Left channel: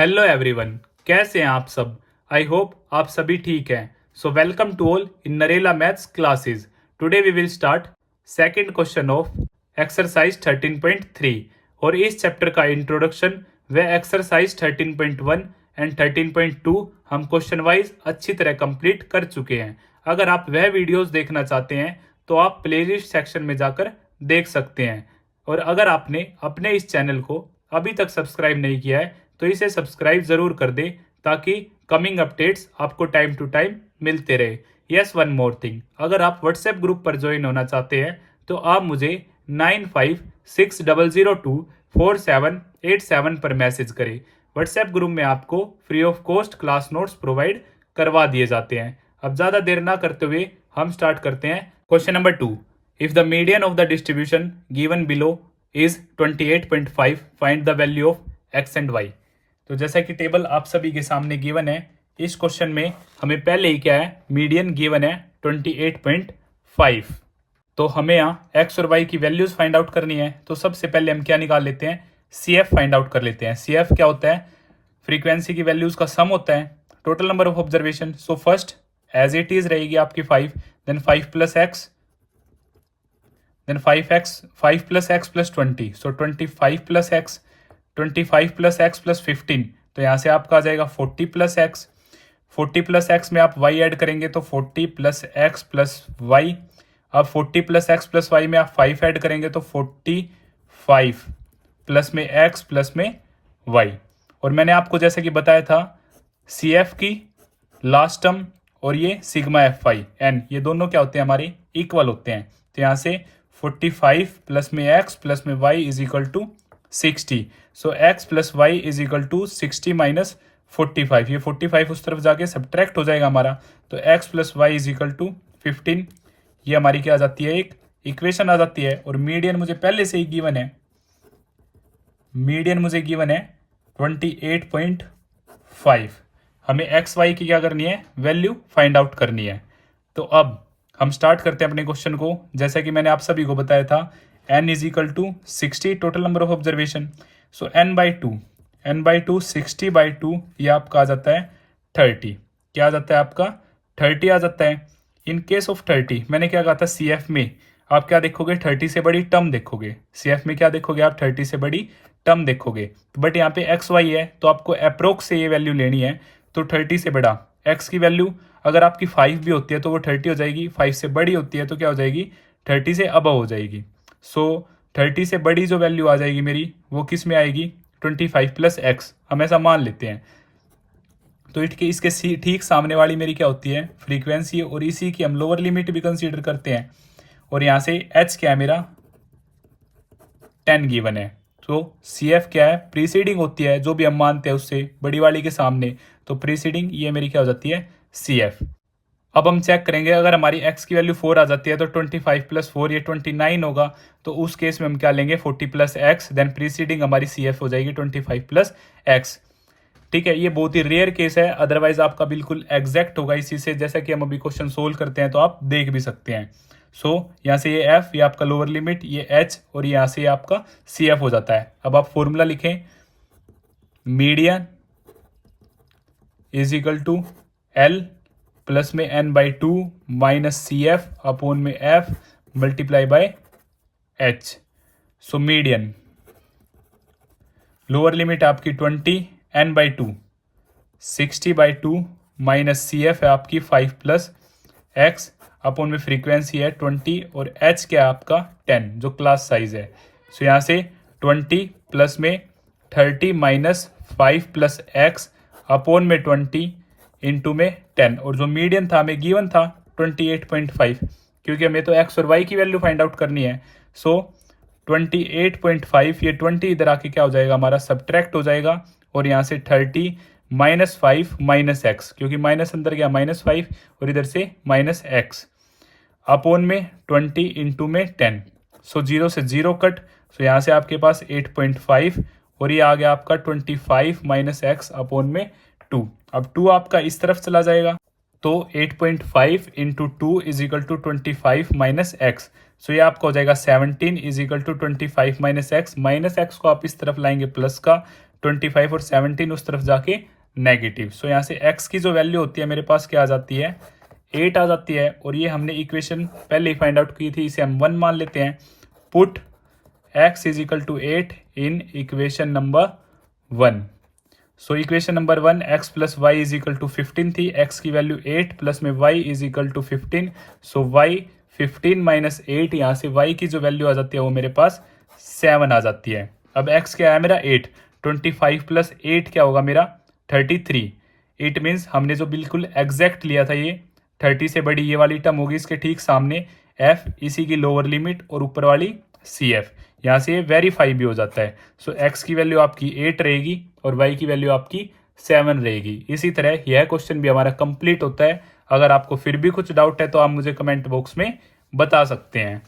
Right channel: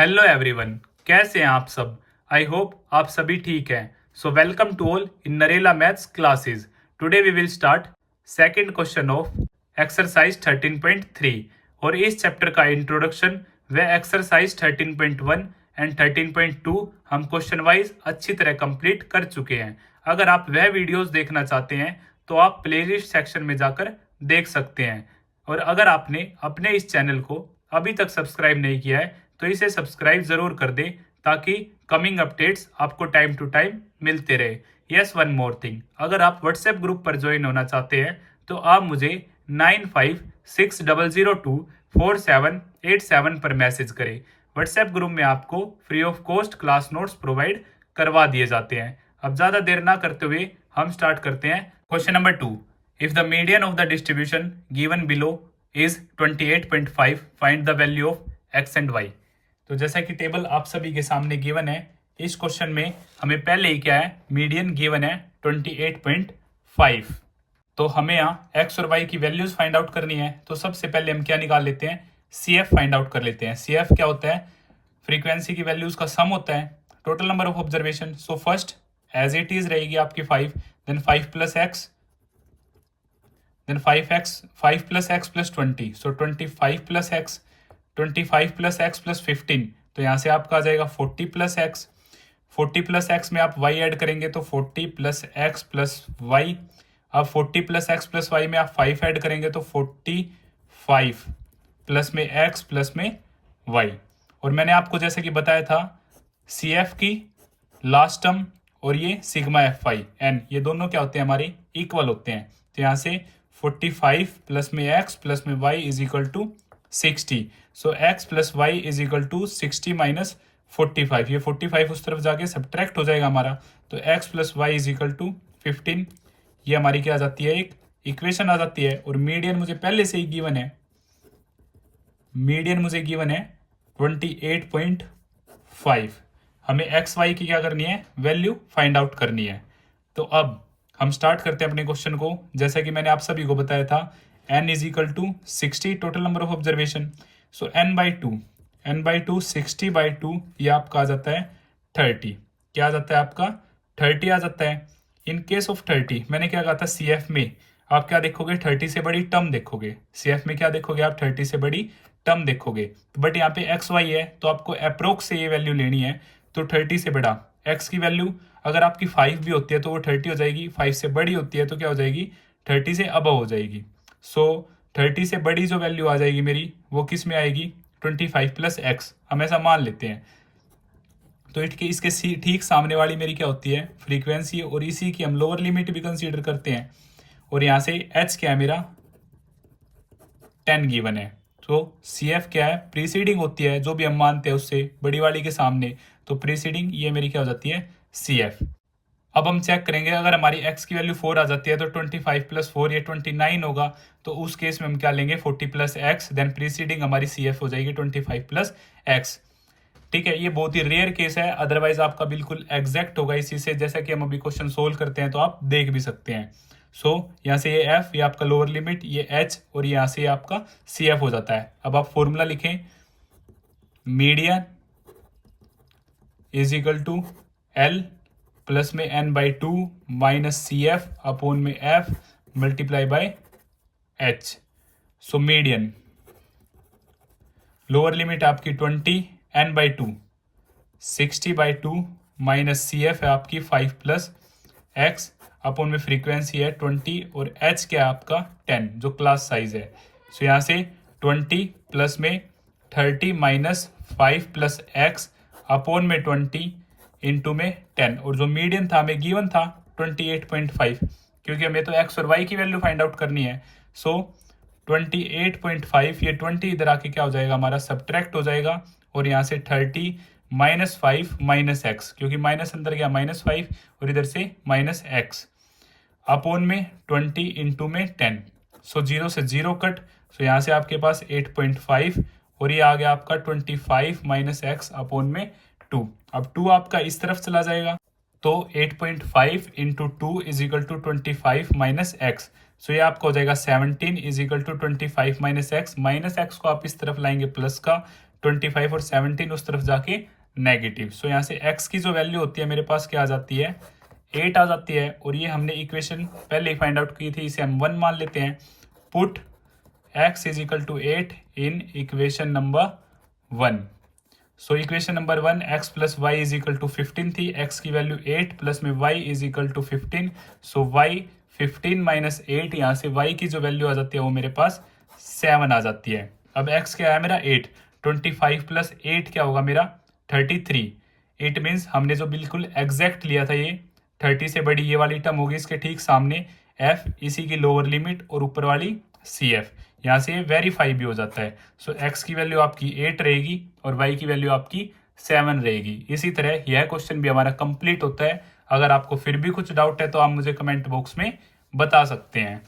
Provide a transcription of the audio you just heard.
Hello everyone, कैसे हैं आप सब। आई होप आप सभी ठीक हैं। So welcome to all in Narela maths classes. Today we will start second question of exercise 13.3 और इस चैप्टर का इंट्रोडक्शन व एक्सरसाइज 13.1 एंड 13.2 हम क्वेश्चन वाइज अच्छी तरह कंप्लीट कर चुके हैं। अगर आप वह वीडियोस देखना चाहते हैं तो आप प्लेलिस्ट सेक्शन में जाकर देख सकते हैं। और अगर आपने अपने इस चैनल को अभी तक सब्सक्राइब नहीं किया है तो इसे सब्सक्राइब जरूर कर दें ताकि कमिंग अपडेट्स आपको टाइम टू टाइम मिलते रहे। यस, वन मोर थिंग, अगर आप व्हाट्सएप ग्रुप पर ज्वाइन होना चाहते हैं तो आप मुझे 9560024787 पर मैसेज करें। व्हाट्सएप ग्रुप में आपको free of cost class notes provide करवा दिए जाते हैं। अब ज़्यादा देर ना करते हुए हम स्टार्ट करते हैं। Question number 2, if the median of the distribution given below is 28.5, find the value of x and y. तो जैसा कि टेबल आप सभी के सामने गिवन है, इस क्वेश्चन में हमें पहले ही क्या है, मीडियन गिवन है 28.5। तो हमें यहाँ एक्स और वाई की वैल्यूज फाइंड आउट करनी है। तो सबसे पहले हम क्या निकाल लेते हैं, सी एफ फाइंड आउट कर लेते हैं। सी एफ क्या होता है, फ्रीक्वेंसी की वैल्यूज का सम होता है, total number of observation. So first as it is रहेगी आपकी 5, then 5 plus x, then 5 plus x plus 20, so 25 plus x, 25 plus x plus 15, तो यहाँ से आपका आ जाएगा 40 प्लस एक्स। 40 प्लस एक्स में आप वाई ऐड करेंगे तो 40 प्लस एक्स प्लस वाई। अब 40 प्लस एक्स प्लस वाई में आप 5 ऐड करेंगे तो 45 प्लस में एक्स प्लस में वाई। और मैंने आपको जैसे कि बताया था, सी एफ की लास्ट टर्म और ये सिग्मा एफ आई एन, ये दोनों क्या होते हैं, हमारे इक्वल होते हैं। तो यहाँ से 45 प्लस में एक्स प्लस में y is equal to 60। So x plus y is equal to 60 minus 45। ये 45 उस तरफ जाके सब्ट्रैक्ट हो जाएगा हमारा, तो x plus y is equal to 15। ये हमारी क्या आ जाती है, एक इक्वेशन आ जाती है। और मीडियन मुझे पहले से ही गिवन है, मीडियन मुझे गिवन है 28.5। हमें एक्स वाई की क्या करनी है, वैल्यू फाइंड आउट करनी है। तो अब हम स्टार्ट करते हैं अपने क्वेश्चन को। जैसा कि मैंने आप सभी को बताया था, n is equal to 60 total number of observation. So n by two 60 by 2, ये आपका आ जाता है 30। क्या आ जाता है आपका, 30 आ जाता है। इन केस ऑफ 30 मैंने क्या कहा था, सी एफ में आप क्या देखोगे, 30 से बड़ी टर्म देखोगे। सी एफ में क्या देखोगे आप, 30 से बड़ी टर्म देखोगे। बट यहाँ पे एक्स वाई है तो आपको अप्रोक्स से ये वैल्यू लेनी है। तो 30 से बड़ा एक्स की वैल्यू अगर आपकी 5 भी होती है तो वो 30 हो जाएगी, 5 से बड़ी होती है तो क्या हो जाएगी, 30 से अबव हो जाएगी। सो 30 से बड़ी जो वैल्यू आ जाएगी मेरी, वो किस में आएगी, 25 प्लस एक्स, हम ऐसा मान लेते हैं। तो इसके ठीक सामने वाली मेरी क्या होती है, फ्रीक्वेंसी, और इसी की हम लोअर लिमिट भी कंसीडर करते हैं। और यहाँ से एच क्या है मेरा, 10 गिवन है। तो सी एफ क्या है, प्रीसीडिंग होती है जो भी हम मानते हैं उससे बड़ी वाली के सामने, तो प्रीसीडिंग ये मेरी क्या हो जाती है, सी एफ। अब हम चेक करेंगे, अगर हमारी x की वैल्यू 4 आ जाती है तो 25 प्लस 4 ये 29 होगा। तो उस केस में हम क्या लेंगे, 40 प्लस एक्स, देन प्रीसीडिंग हमारी सी एफ हो जाएगी 25 प्लस एक्स। ठीक है, ये बहुत ही रेयर केस है, अदरवाइज आपका बिल्कुल एग्जैक्ट होगा इसी से। जैसा कि हम अभी क्वेश्चन सोल्व करते हैं तो आप देख भी सकते हैं। सो यहाँ से ये एफ, ये आपका लोअर लिमिट, ये एच, और यहाँ से आपका सी एफ हो जाता है। अब आप फॉर्मूला लिखें, median is equal to l plus में n by 2 minus c f upon में f multiply by h। So median lower limit आपकी 20, n by 2 60 by 2 minus c f है आपकी 5 प्लस x अपॉन में फ्रीक्वेंसी है 20, और h क्या है आपका 10 जो क्लास साइज है। सो यहाँ से 20 प्लस में 30 माइनस 5 प्लस x अपॉन में 20 इंटू में 10, और जो मीडियन था हमें गिवन था 28.5, क्योंकि हमें तो एक्स और वाई की वैल्यू फाइंड आउट करनी है। सो 28.5, ये 20 इधर आके क्या हो जाएगा हमारा, सब्ट्रैक्ट हो जाएगा। और यहाँ से 30 माइनस 5 माइनस एक्स, क्योंकि माइनस अंदर गया माइनस 5, और इधर से माइनस एक्स अपॉन में 20 इंटू में 10। सो 0 से 0 कट, सो यहाँ से आपके पास 8.5, और ये आ गया आपका 25 माइनस एक्स अपॉन में 2। अब 2 आपका इस तरफ चला जाएगा, तो 8.5 into 2 is equal to 25 minus x. So ये आपका हो जाएगा 17 is equal to 25 minus x. Minus x को आप इस तरफ लाएंगे प्लस का, 25 और 17 उस तरफ जाके नेगेटिव। सो यहाँ से x की जो वैल्यू होती है मेरे पास क्या आ जाती है, 8 आ जाती है। और ये हमने इक्वेशन पहले ही फाइंड आउट की थी, इसे हम 1 मान लेते हैं। Put x is equal to 8 in equation number 1। So equation number 1 x plus y is equal to 15 थी, x की वैल्यू 8 प्लस में y is equal to 15। So y 15 minus 8, यहाँ से y की जो वैल्यू आ जाती है वो मेरे पास 7 आ जाती है। अब x क्या है मेरा 8, 25 प्लस 8 क्या होगा मेरा 33। इट मीन्स हमने जो बिल्कुल एग्जैक्ट लिया था ये 30 से बड़ी ये वाली टर्म होगी, इसके ठीक सामने f, इसी की लोअर लिमिट और ऊपर वाली CF, यहाँ से ये वेरीफाई भी हो जाता है। सो x की वैल्यू आपकी 8 रहेगी और y की वैल्यू आपकी 7 रहेगी। इसी तरह यह क्वेश्चन भी हमारा कंप्लीट होता है। अगर आपको फिर भी कुछ डाउट है तो आप मुझे कमेंट बॉक्स में बता सकते हैं।